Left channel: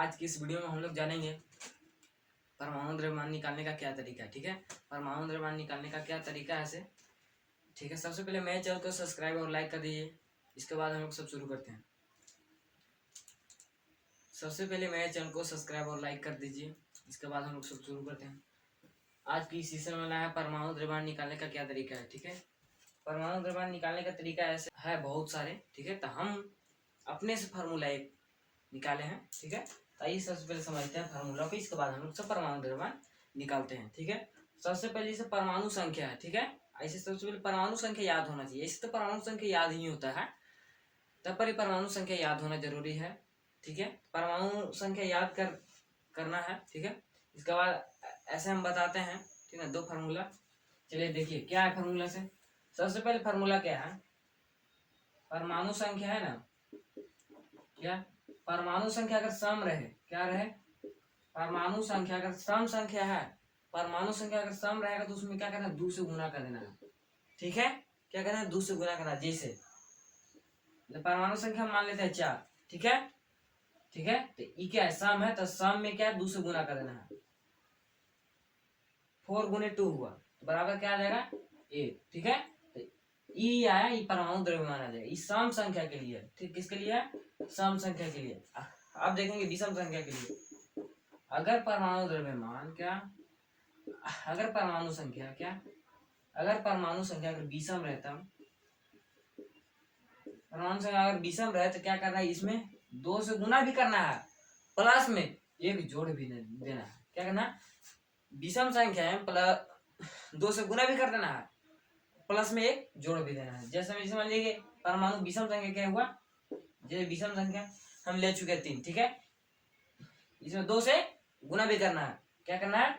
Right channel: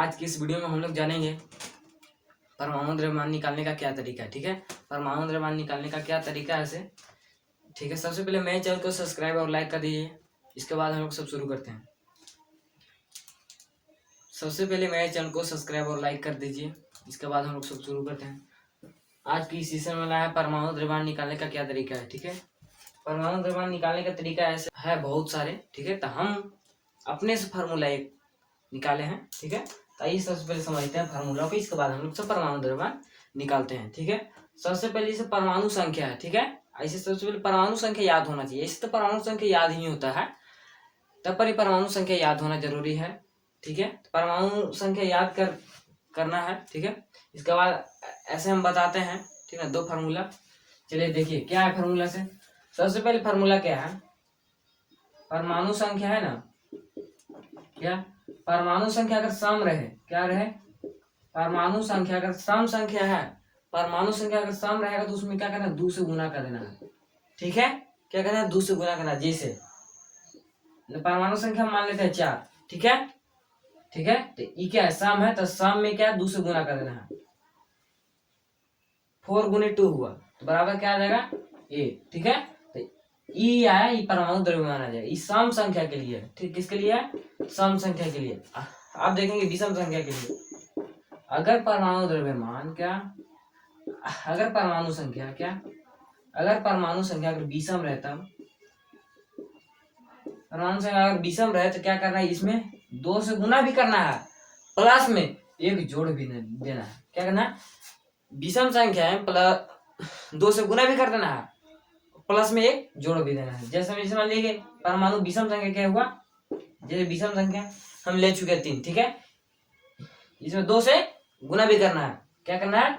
आज की इस वीडियो में हम लोग जानेंगे परमाणु द्रव्यमान निकालने का क्या तरीका है। ठीक है, परमाणु द्रव्यमान निकालने का क्या तरीका है ऐसे। ठीक है, सबसे पहले मेरे चैनल को सब्सक्राइब और लाइक कर दीजिए। इसके बाद हम लोग सब शुरू करते हैं। सबसे पहले मेरे चैनल को सब्सक्राइब और लाइक कर दीजिए। इसके बाद हम लोग सब शुरू करते हैं। आज की सेशन में है परमाणु द्रव्यमान निकालने का क्या तरीका है। ठीक है, परमाणु द्रव्यमान निकालने का तरीका ऐसे है बहुत सारे। ठीक है, तो हम अपने से फार्मूला एक निकाले हैं। ठीक है, तो आइए सबसे पहले समझते हैं फार्मूला को। इसके बाद हम लोग सब परमाणु द्रव्यमान निकालते हैं। ठीक है, सबसे पहले इसे परमाणु संख्या है। ठीक है, ऐसे सबसे पहले परमाणु संख्या याद होना चाहिए। इससे तो परमाणु संख्या याद ही नहीं होता है, तब पर ही परमाणु संख्या याद होना जरूरी है। ठीक है, तो परमाणु संख्या याद करना है। ठीक है, इसके बाद ऐसे हम बताते हैं। ठीक है, दो फार्मूला। चलिए देखिए क्या है फार्मूला से। सबसे पहले फार्मूला क्या है, परमाणु संख्या है ना, क्या परमाणु संख्या अगर सम रहे, क्या रहे, परमाणु संख्या अगर सम संख्या है, परमाणु संख्या अगर सम रहेगा तो उसमें क्या करना है, 2 से गुना कर देना है। ठीक है, क्या करना है, 2 से गुना करना। जैसे परमाणु संख्या मान लेते हैं 4। ठीक है, ठीक है, तो ई क्या है, सम है, तो सम में क्या है, 2 से गुना कर देना है। 4 गुने 2 हुआ तो बराबर क्या आ जाएगा, 8। ठीक है, तो ई आया, ई परमाणु द्रव्यमान आ जाएगा। ई सम संख्या के लिए। ठीक, किसके लिए है, सम संख्या के लिए। आप देखेंगे विषम संख्या के लिए। अगर परमाणु द्रव्यमान क्या, अगर परमाणु संख्या क्या, अगर परमाणु संख्या अगर विषम रहता, परमाणु संख्या अगर विषम रहे तो क्या करना है, इसमें 2 से गुना भी करना है, प्लस में एक जोड़ भी देना है। क्या करना है, विषम संख्या है, प्लस 2 से गुना भी कर देना है, प्लस में एक जोड़ भी देना है। जैसे मान लीजिए परमाणु विषम संख्या क्या हुआ, जैसे विषम संख्या हम ले चुके हैं 3। ठीक है, इसमें 2 से गुना भी करना है। क्या करना है,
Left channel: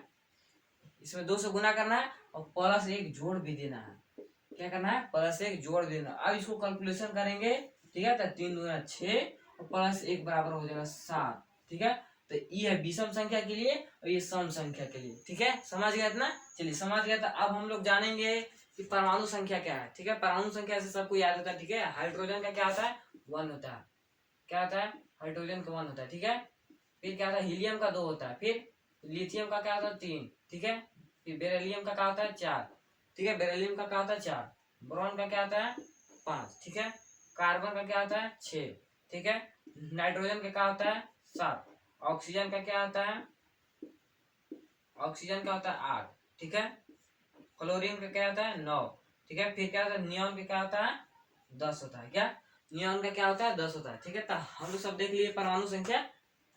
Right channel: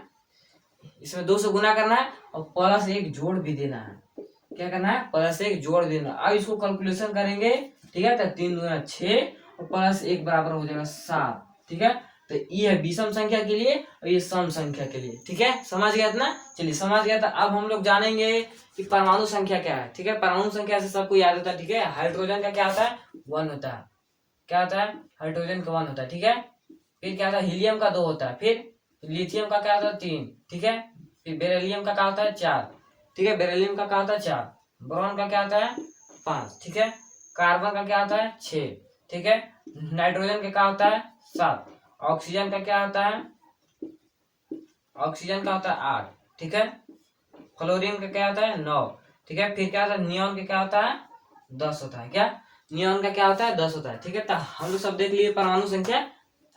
इसमें 2 से गुना करना है और प्लस एक जोड़ भी देना है। क्या करना है, प्लस एक जोड़ देना। अब इसको कैलकुलेशन करेंगे। ठीक है, तो 3 दूना 6 और प्लस 1 बराबर हो जाएगा 7। ठीक है, तो ये है विषम संख्या के लिए और ये सम संख्या के लिए। ठीक है, समझ गया ना। चलिए समझ गया, तो अब हम लोग जानेंगे कि परमाणु संख्या क्या है। ठीक है, परमाणु संख्या से सबको याद होता है। ठीक है, हाइड्रोजन का क्या होता है, 1 होता है। क्या होता है, हाइड्रोजन का 1 होता है। ठीक है, फिर क्या होता है, हीलियम का 2 होता है। फिर लिथियम का क्या होता है, 3। ठीक है, फिर बेरिलियम का क्या होता है, 4। ठीक है, बेरिलियम का क्या होता है, 4। बोरॉन का क्या होता है, 5। ठीक है, कार्बन का क्या होता है, 6। ठीक है, नाइट्रोजन का क्या होता है, 7। ऑक्सीजन का क्या होता है, ऑक्सीजन का होता है 8। ठीक है, क्लोरीन का क्या होता है, 9। ठीक है, फिर क्या होता है, नियॉन का क्या होता है, 10 होता है। क्या, नियॉन का क्या होता है, 10 होता है। ठीक है, तो हम लोग सब देख लिए परमाणु संख्या।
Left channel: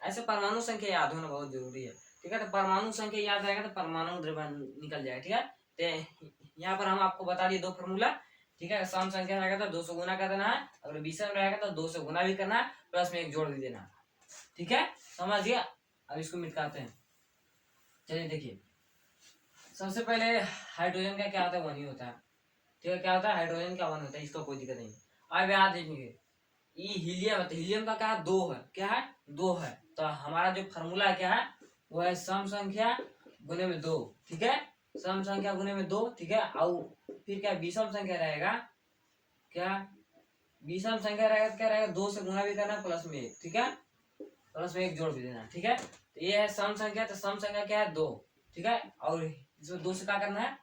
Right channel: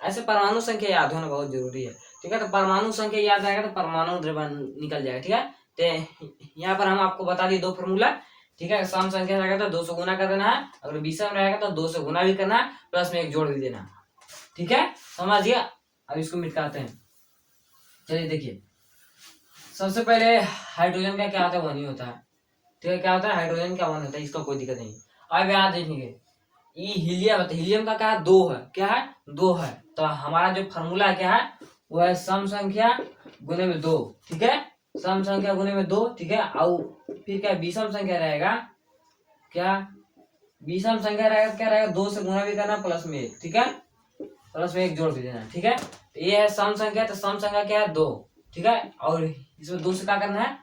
ऐसे परमाणु संख्या याद होना बहुत जरूरी है। ठीक है, तो परमाणु संख्या याद आएगा तो परमाणु द्रव्यमान निकल जाएगा। ठीक है, तो यहाँ पर हम आपको बता दिए 2 फॉर्मूला। ठीक है, सम संख्या रहेगा तो 2 से गुना कर देना है, अगर विषम रहेगा तो 2 से गुना भी करना है, प्लस में एक जोड़ भी देना है। ठीक है, समझिए। अब इसको मिटाते हैं। चलिए देखिए, सबसे पहले हाइड्रोजन का क्या होता है, 1 ही होता है। ठीक है, क्या होता है, हाइड्रोजन का 1 होता है, इसका कोई दिक्कत नहीं। अब यहाँ देखेंगे ये हीलियम है, तो हीलियम का क्या है, 2 है। क्या है, 2 है। तो हमारा जो फार्मूला क्या है, वो है सम संख्या गुने में 2। ठीक है, सम संख्या गुने में 2। ठीक है, और फिर क्या विषम संख्या रहेगा, क्या विषम संख्या रहेगा, क्या रहेगा, 2 से गुना भी करना, प्लस में 1। ठीक है, प्लस में एक जोड़ भी देना। ठीक है, तो ये है सम संख्या, तो सम संख्या क्या है, 2। ठीक है, और इसमें 2 से क्या करना है,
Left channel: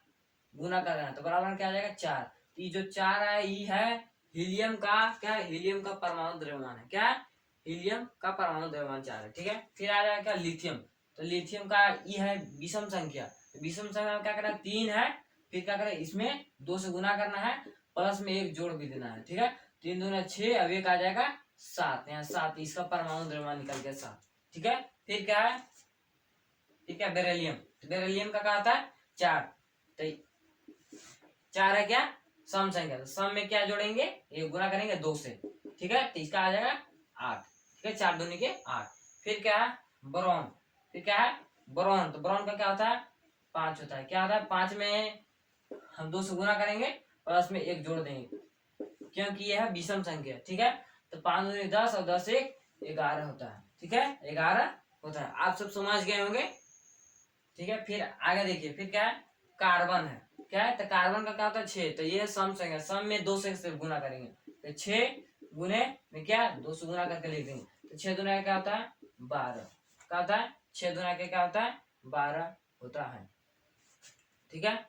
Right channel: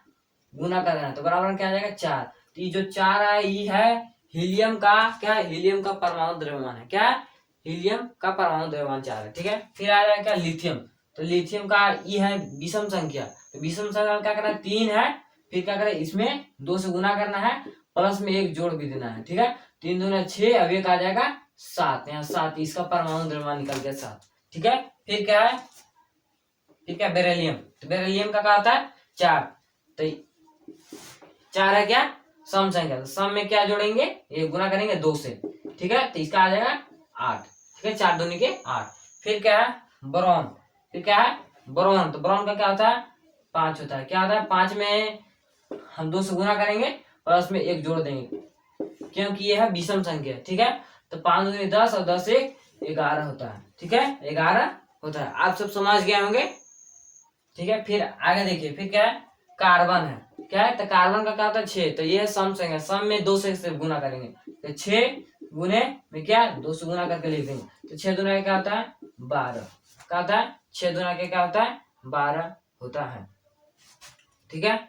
गुना करना है, तो बराबर क्या आ जाएगा, 4। तो ये जो 4 है ये है हीलियम का, क्या है, हीलियम का परमाणु द्रव्यमान है। क्या है, हीलियम का परमाणु द्रव्यमान 4 है। ठीक है, फिर आ जाएगा क्या, लिथियम। तो लिथियम का ये है विषम संख्या, तो विषम संख्या क्या करना है, 3 है। फिर क्या करें, इसमें 2 से गुना करना है, प्लस में एक जोड़ भी देना है। ठीक है, 3 दूना 6, अब एक आ जाएगा 7। यहाँ 7, इसका परमाणु द्रव्यमान निकल गया 7। ठीक है, फिर क्या है, फिर क्या, बेरिलियम। तो बेरिलियम का क्या होता है, 4। तो 4 है क्या, सम संख्या, तो सम में क्या जोड़ेंगे, ये गुना करेंगे 2 से। ठीक है, तो इसका आ जाएगा 8। ठीक है, 4 दूनी के 8। फिर क्या है, बोरॉन। फिर क्या है, बोरॉन। तो बोरॉन का क्या होता है, 5 होता है। क्या होता है, 5 में हम 2 से गुना करेंगे, प्लस में एक जोड़ देंगे, क्योंकि ये है विषम संख्या। ठीक है, तो 5 दूनी 10 और 10 एक 11 होता है। ठीक है, 11 होता है। आप सब समझ गए होंगे। ठीक है, फिर आगे देखिए, फिर क्या है, कार्बन है। क्या है, तो कार्बन का क्या होता है, 6। तो ये है सम संख्या, सम में 2 से गुना करेंगे, तो 6 गुने में क्या, 2 से गुना करके लिख देंगे, तो 6 दूना क्या होता है, 12। क्या होता है 6 दूना के क्या होता है 12 होता है। ठीक है,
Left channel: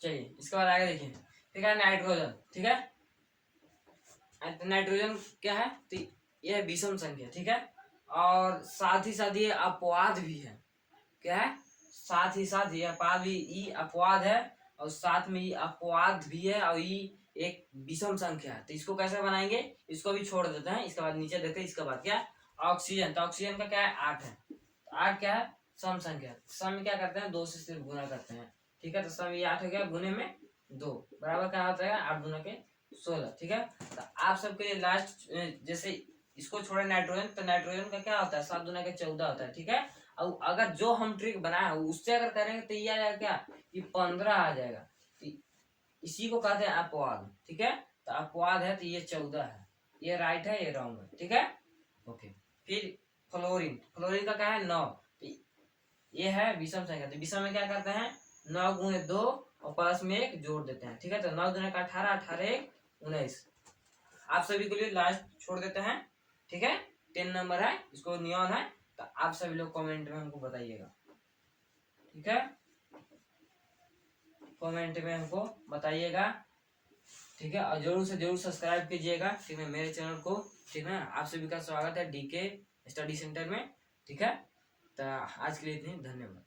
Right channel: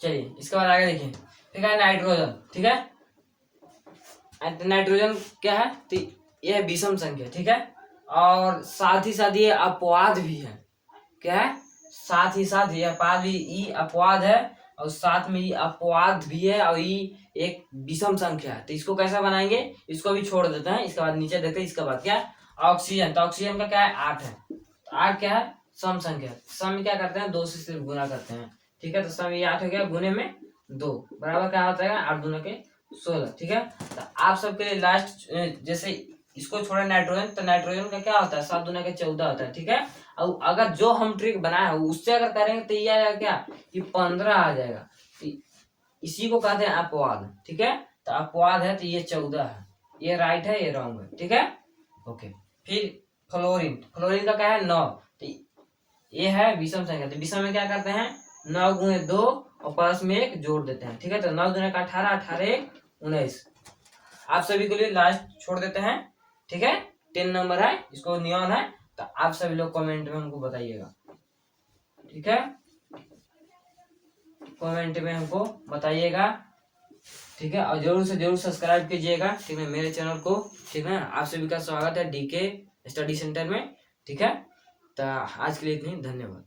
चलिए इसके बाद आगे देखिए। ठीक है, नाइट्रोजन। ठीक है, नाइट्रोजन क्या है तो यह है विषम संख्या। ठीक है, और साथ ही साथ ये अपवाद भी है। क्या है, साथ ही साथ ये अपवाद भी, ई अपवाद है और साथ में ये अपवाद भी है और ये एक विषम संख्या है। तो इसको कैसा बनाएंगे, इसको भी छोड़ देते हैं। इसके बाद नीचे देखते हैं। इसके बाद क्या, ऑक्सीजन। तो ऑक्सीजन का क्या है 8 है। तो 8 क्या है सम संख्या। सम में क्या करते हैं 2 से सिर्फ गुना करते हैं। ठीक है, तो सम ये 8 हो गया, गुने में 2 बराबर क्या होता है 8 दूना के 16। ठीक है, तो आप सबके लिए लास्ट, जैसे इसको छोड़े नाइट्रोजन, तो नाइट्रोजन का क्या होता है 7 दूना के 14 होता है। ठीक है, और अगर जो हम ट्रिक बनाए हैं उससे अगर करेंगे तो ये आएगा क्या, ये 15 आ जाएगा। तो इसी को कहते हैं अपवाद। ठीक है, तो अपवाद है तो ये 14 है। ये राइट है, ये रॉन्ग है। ठीक है, ओके। फिर फ्लोरीन। फ्लोरीन का क्या है 9। तो ये है विषम संख्या। तो विषम में क्या करते हैं 9 गुणे 2 और प्लस में 1 जोड़ देते हैं। ठीक है, तो 9 दूने का 18, 18 1 19। आप सभी के लिए लास्ट छोड़ देते हैं। ठीक है, 10 नंबर है, इसको नियॉन है। तो आप सभी लोग कमेंट में हमको बताइएगा। ठीक है, कमेंट में हमको बताइएगा। ठीक है, और जरूर से जरूर सब्सक्राइब कीजिएगा। ठीक है, मेरे चैनल को। ठीक है, आप सभी का स्वागत है डीके स्टडी सेंटर में। ठीक है, तो आज के लिए इतनी, धन्यवाद।